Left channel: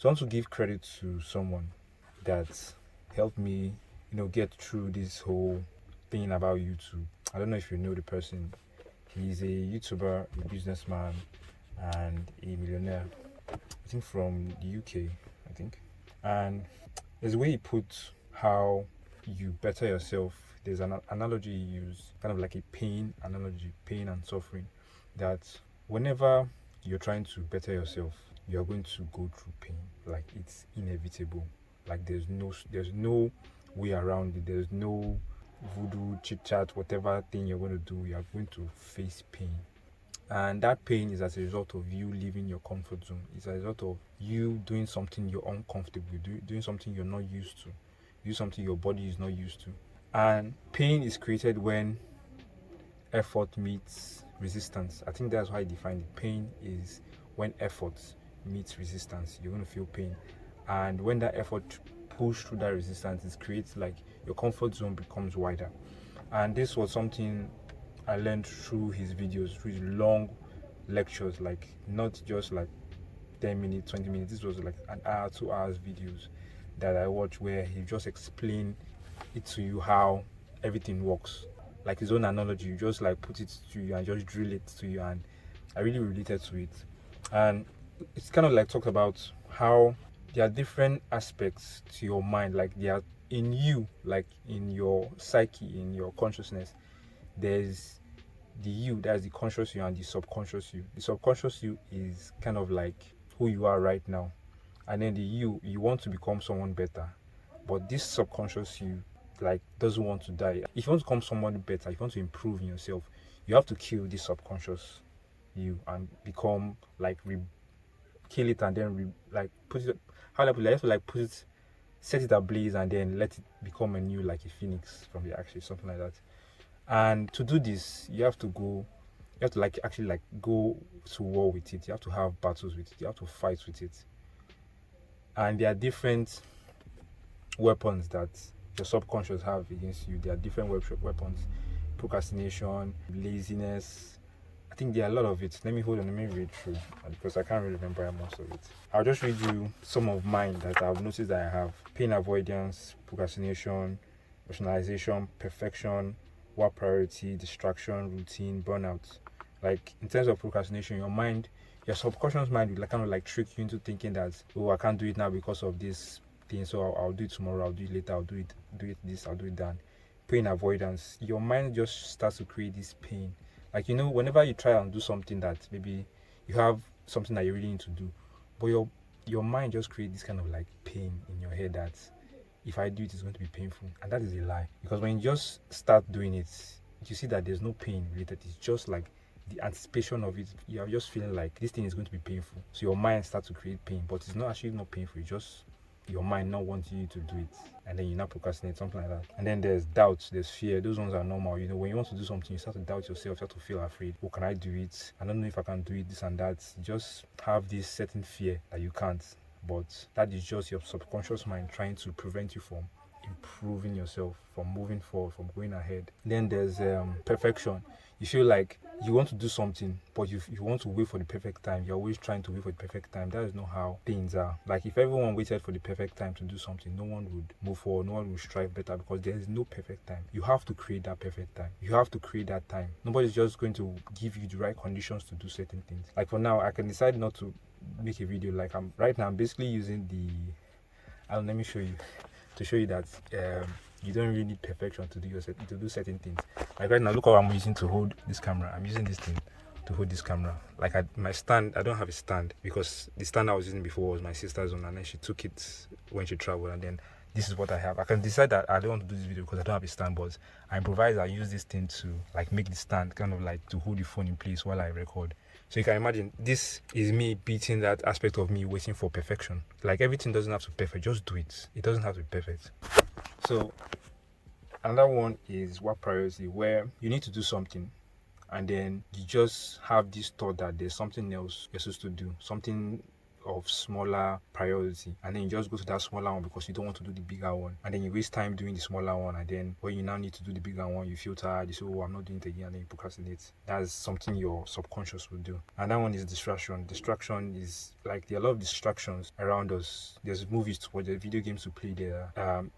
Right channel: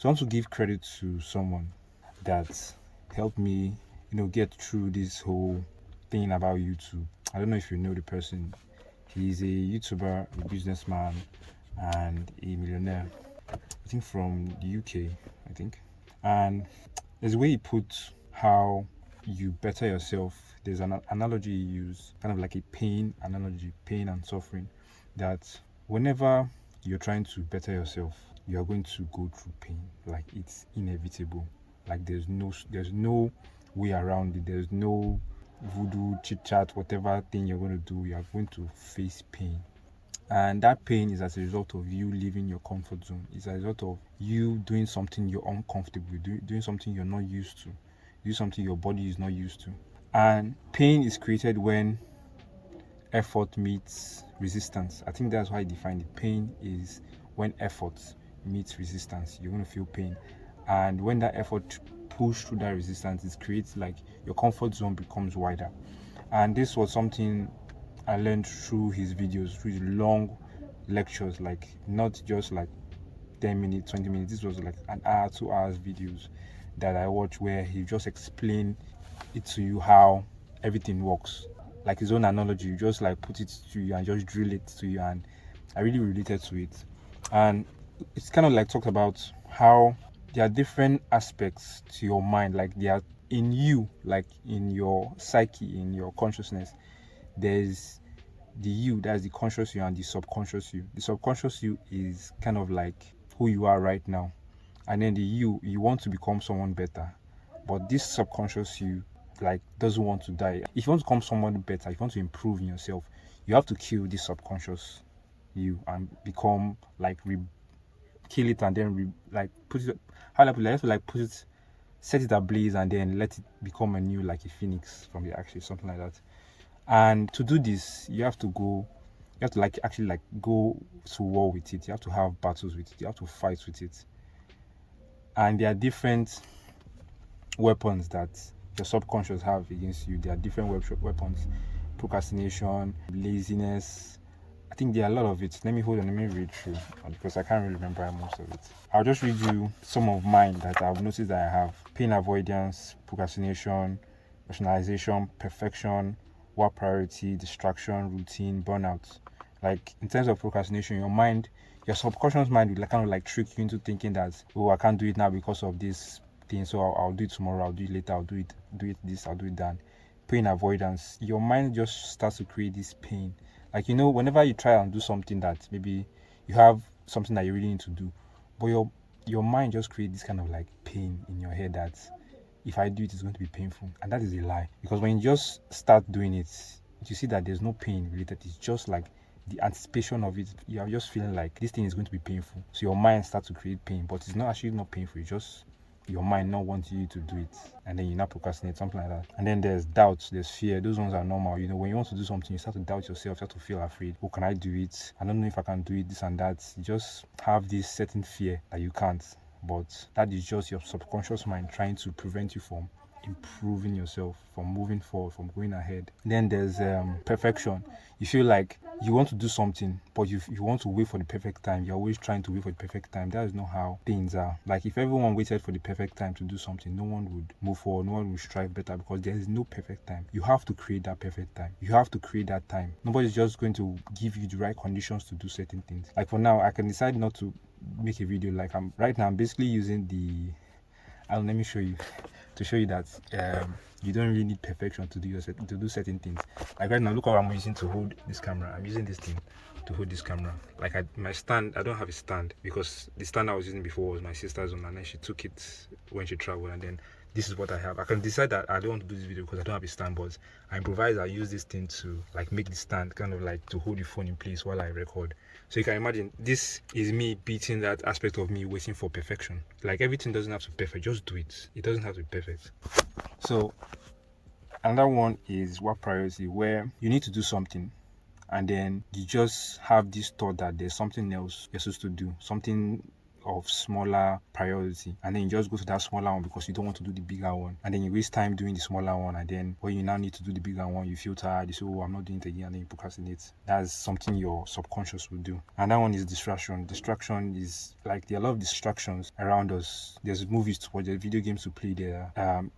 So I want to give credit to someone that helped me, get through this whole thing about YouTube. I don't know if you know the person. He's a YouTuber, a businessman, and a millionaire. I think from the UK, I think. And there's a way he puts how you better yourself. There's an analogy he used, kind of like a pain analogy, pain and suffering, that whenever you're trying to better yourself, you are going to go through pain. Like it's inevitable. Like there's no way around it. There's no voodoo, chit chat, whatever thing you're going to do, you are going to face pain. And that pain is as a result of you leaving your comfort zone. It's a result of you doing something you're uncomfortable with, doing something you're not used to, do something your body is not used to. And pain is created when effort meets resistance. I think that's why I define it. Pain is when effort meets resistance. You're going to feel pain. And when that effort push through that resistance, it creates like your comfort zone becomes wider. And this was something I learned through his videos, through his long lectures, like not just like 10 minutes, 20 minutes. This was like an hour, 2 hours videos that I watched where he just explained it to you how everything works. Like his own analogy, you just like put it to you and just drill it to you, and I really related to it. And it's kind of like talks about how there are different aspects to your mind, like they are in you, like in your psyche, in your consciousness. There's the you, that's the conscious you, and the subconscious you. The subconscious you is kind of like who you are right now, and then the you want to become someone better, but this subconscious you like doesn't want to die. If you want to become someone better, if you want to improve in yourself, you have to kill this subconscious you and become like kill it, and then like put it, how do I put it? I have to like put it, set it ablaze, and then let it become a new, like a phoenix from the ashes, something like that. And to do this, you have to like actually like go to war with it. You have to have battles with it. You have to fight with it. And there are different weapons that your subconscious have against you. There are different weapons: procrastination, laziness. I think there are a lot of it. Let me read through because I can't really remember most of it. I'll just read you some of mine that I've noticed that I have: pain avoidance, procrastination, rationalization, perfection, work priority, distraction, routine, burnout. Like in terms of procrastination, your subconscious mind will like kind of like trick you into thinking that, oh, I can't do it now because of this thing, so I'll do it tomorrow, I'll do it later, do it this, I'll do it that. Pain avoidance, your mind just starts to create this pain. Like whenever you try and do something that maybe you have something that you really need to do, but your mind just creates this kind of like pain in your head that if I do it, it's going to be painful. And that is a lie. Because when you just start doing it, you see that there's no pain related. It's just like the anticipation of it. You are just feeling like this thing is going to be painful. So your mind starts to create pain, but it's not actually not painful. It's just your mind not wanting you to do it, and then you not procrastinate, something like that. And then there's doubts, there's fear. Those ones are normal. When you want to do something, you start to doubt yourself, you start to feel afraid. Oh, can I do it? I don't know if I can do it, this and that. You just have this certain fear that you can't, but that is just your subconscious mind trying to prevent you from improving yourself, from moving forward, from going ahead. Then there's perfection. You feel like you want to do something, but you want to wait for the perfect time. You're always trying to wait for the perfect time. That is not how things are. Like if everyone waited for the perfect time to do something, no one would move forward, no one would strive better, because there is no perfect time. You have to create that perfect time. You have to create that time. Nobody's just going to give you the right conditions to do certain things. Like for now, I can decide not to make a video. Like I'm basically using let me show you to show you that you don't really need perfection to do certain things. Like right now, look how I'm using to hold this camera. I'm using this thing to hold this camera. Like my stand, I don't have a stand because the stand I was using before was my sister's one, and then she took it when she traveled, and then this is what I have. I can decide that I don't want to do this video because I don't have a stand, but I improvise. I use this thing to like make the stand kind of like to hold the phone in place while I record. So you can imagine this is me beating that aspect of me waiting for perfection. Like everything doesn't have to be perfect, just do it. It doesn't have to be perfect. So another one is work priority, where you need to do something and then you just have this thought that there's something else you're supposed to do, something of smaller priority, and then you just go to that smaller one because you don't want to do the bigger one, and then you waste time doing the smaller one, and then when you now need to do the bigger one, you feel tired, you say, oh, I'm not doing it again, and then you procrastinate. That's something your subconscious will do. And that one is distraction. Distraction is like there are a lot of distractions around us. There's movies to watch, there's video games to play, there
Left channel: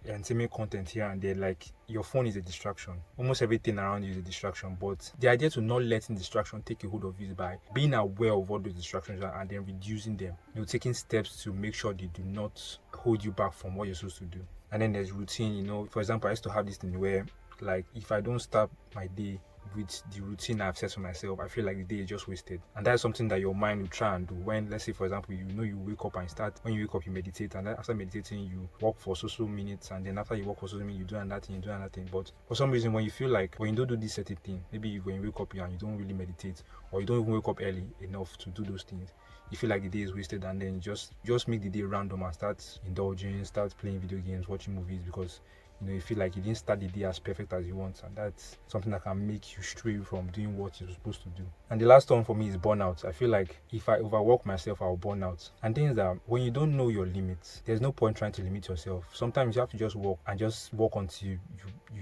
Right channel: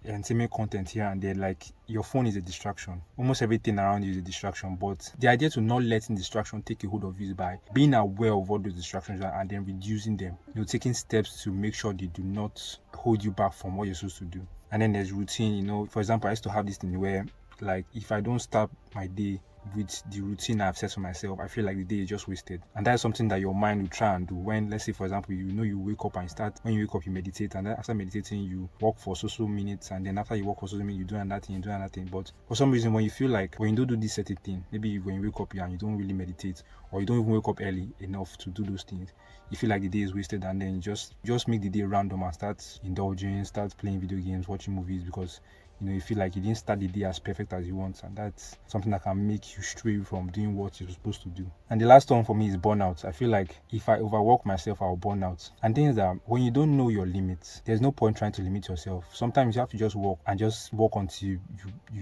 entertainment content here and there. Like your phone is a distraction. Almost everything around you is a distraction. But the idea to not letting distraction take a hold of you is by being aware of what those distractions are and then reducing them. Taking steps to make sure they do not hold you back from what you're supposed to do. And then there's routine. For example, I used to have this thing where, like, if I don't start my day with the routine I've set for myself, I feel like the day is just wasted. And that's something that your mind will try and do when, let's say, for example, you wake up and when you wake up, you meditate, and then after meditating, you walk for so minutes, and then after you walk for so minutes, you do another thing. But for some reason, when you feel like, when you don't do this certain thing, maybe when you wake up and you don't really meditate, or you don't even wake up early enough to do those things, you feel like the day is wasted, and then you just make the day random and start indulging, start playing video games, watching movies, because you feel like you didn't start the day as perfect as you want, and that's something that can make you stray from doing what you're supposed to do. And the last one for me is burnout. I feel like if I overwork myself, I'll burn out. And things that when you don't know your limits, there's no point trying to limit yourself. Sometimes you have to just work until you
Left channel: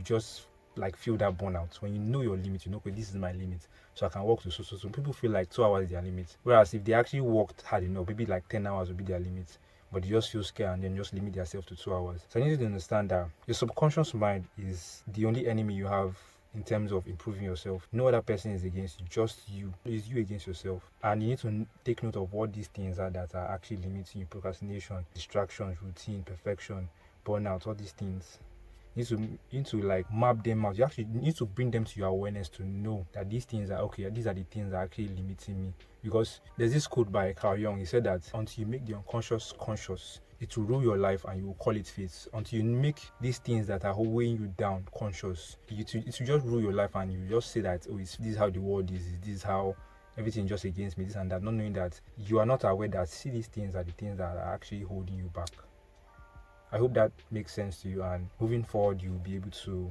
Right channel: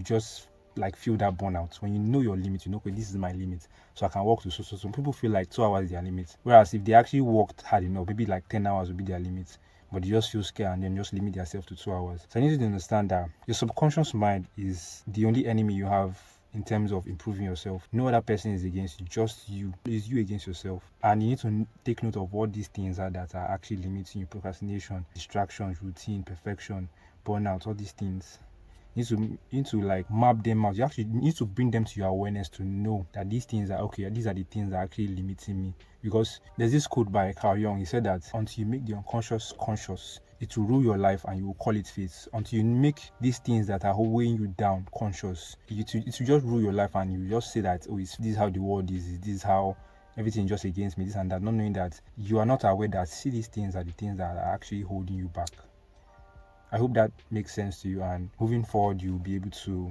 just like feel that burnout. When you know your limit, okay, this is my limit, so I can work to so. Some people feel like 2 hours is their limit, whereas if they actually worked hard enough, maybe like 10 hours would be their limit, but they just feel scared and then just limit themselves to 2 hours. So I need you to understand that your subconscious mind is the only enemy you have in terms of improving yourself. No other person is against you, just you. It's you against yourself. And you need to take note of what these things are that are actually limiting you: procrastination, distractions, routine, perfection, burnout, all these things. You need to like map them out. You actually need to bring them to your awareness to know that these things are okay. These are the things that are actually limiting me. Because there's this quote by Carl Jung. He said that until you make the unconscious conscious, it will rule your life and you will call it fate. Until you make these things that are weighing you down conscious, it will just rule your life, and you just say that, oh, this is how the world is. This is how everything just against me, this and that, not knowing that you are not aware that these things are the things that are actually holding you back. I hope that makes sense to you, and moving forward, you'll be able to,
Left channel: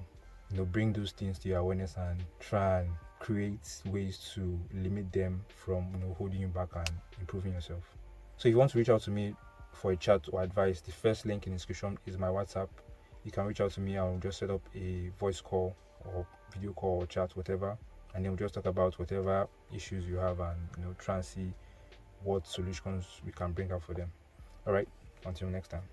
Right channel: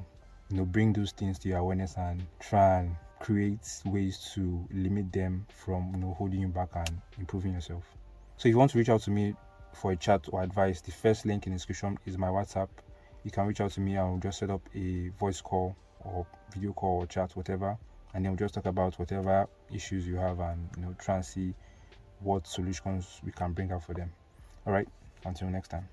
bring those things to your awareness and try and create ways to limit them from, holding you back and improving yourself. So if you want to reach out to me for a chat or advice, the first link in the description is my WhatsApp. You can reach out to me and we'll just set up a voice call or video call or chat, whatever, and then we'll just talk about whatever issues you have and, try and see what solutions we can bring out for them. All right, until next time.